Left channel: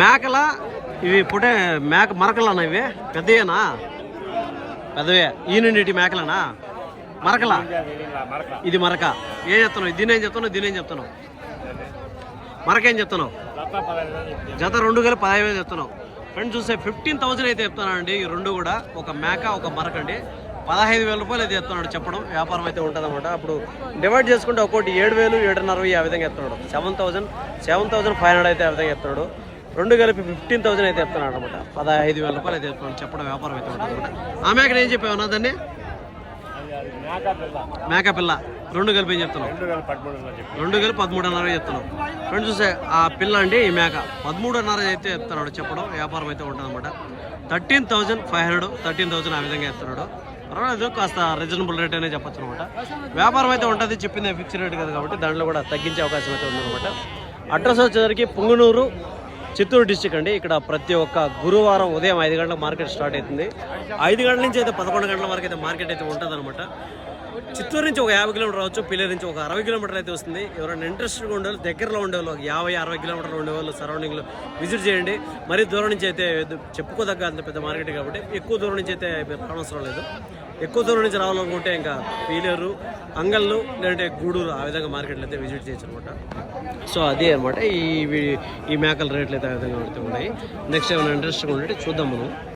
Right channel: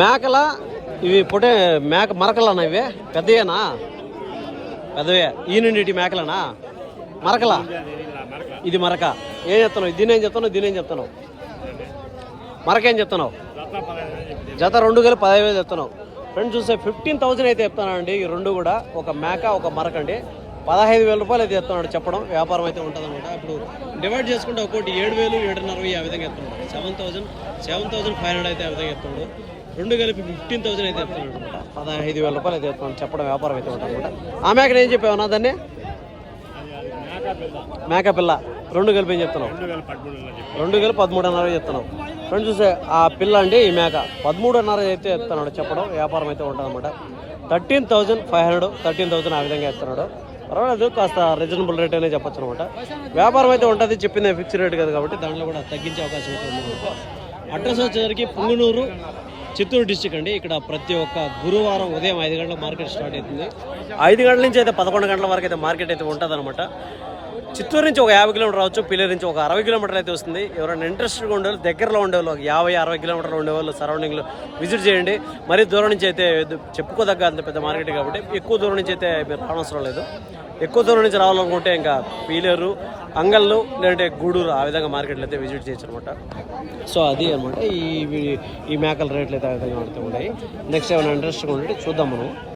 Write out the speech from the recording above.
మేకల ఇవి పుట్టే మేక మరకలన్నా ఇవి పెద్దయేనా? పెద్దవే. ఈయన మేకలనా మరకలా? ఇది మరక. ఏం చెప్తున్నావు? దీనేం చెప్తున్నావు? దీనేం చెప్తున్నావు? మరకేం చెప్తున్నావు? జత 2 కలిపి 15,000 చెప్తున్నావు. ఫ్రెండ్స్ చూస్తే 15,000 అయితే చెప్తానండి. ఈ రెండు కూడా, ఒక మేక ఒక మరక అండి. 15,000 రూపాయలు అయితే చెప్తున్నాడు చెప్పడం. వ్యాపారం అయితే ఉంటుంది అనమాట. అప్పుడు డివైడ్ చేసుకుంటే ఒక్కోటి 7,000, 7,500 ఆ విధంగా చెప్తున్నాడు. 7,500 అయితే ఆ విధంగా చెప్తున్నాడు. 2 కలిపి 15,000 అయితే చెప్తున్నాడు అనమాట. 15,000 రూపాయలు అయితే చెప్తున్నాడు చెప్పడం. వ్యాపారం అయితే ఉంటుంది అనమాట. ఆ మేకను ఏం చెప్పావు నా దాన్ని? మేక పిల్ల. 2 కలిపి ఏం చెప్తున్నావు? 2 కలిపి 13,500 చెప్తున్నావు. ఫ్రెండ్స్ చూసే ఆ పిల్ల అండి, ఈ మేక 13,500 అయితే చెప్తున్నాడు చెప్పడం. వ్యాపారం అయితే ఉంటుంది అనమాట. 13,500, 13,000 ఆ విధంగా చెప్తున్నాడు. పర్వాలేదు, కాస్త రీజనబుల్ రేట్ అనే చెప్పచ్చు అనమాట. వ్యాపారం అయితే ఉంటుంది. చెప్పింది ఫిక్స్ రేట్ కదా కాబట్టి దాంట్లో కూడా తగ్గించే అవకాశం అయితే ఉందన్నమాట. అడ్రస్ వచ్చేసరికి పుంగనూరు, చిత్తూరు డిస్టిక్ అండి. ఇక్కడ ప్రతి ఒక్క గురువారం ఉదయం 5 గంటలకు మార్కెట్ స్టార్ట్ అవుతుంది. 5 గంటల నుంచి అయితే 11 గంటల వరకు అయితే మార్కెట్ అయితే ఉంటుంది అనమాట. చిత్తూరు నుంచి ఒక 50 కిలోమీటర్ రావచ్చు, పిల్లల నుంచి ఒక 60 కిలోమీటర్లు అయితే వస్తుంది. ఎవరైనా ఇంట్రెస్ట్గా ఉండేవాళ్ళు, దగ్గరలో ఉండేవాళ్ళు, ఒక 50-60 కిలోమీటర్లు ఉండేవాళ్ళు సరౌండింగ్లో విజిట్ చేయండి. మరీ దూరం నుంచి అయితే చెప్పుకోదగ్గ అంత పెద్ద మార్కెట్ కాబట్టి ఎక్కువ దూరం నుంచి అయితే మీరు రావనవసరం లేదు. ఎక్కువ దూరం నుంచి రావాలనుకుంటే ఇంకా పీలేరు, అంగళ్ళు, లేదంటే గూడూరు ఆ విధంగా మార్కెట్లు అయితే విజిట్ చేయొచ్చు అనమాట. సో అది అనమాట ఈ మేకల రేట్లు అయితే ఆ విధంగా ఉన్నాయి. నెక్స్ట్ ఏమైనా ఇంట్రెస్ట్గా ఉంటే చూద్దాం మనం.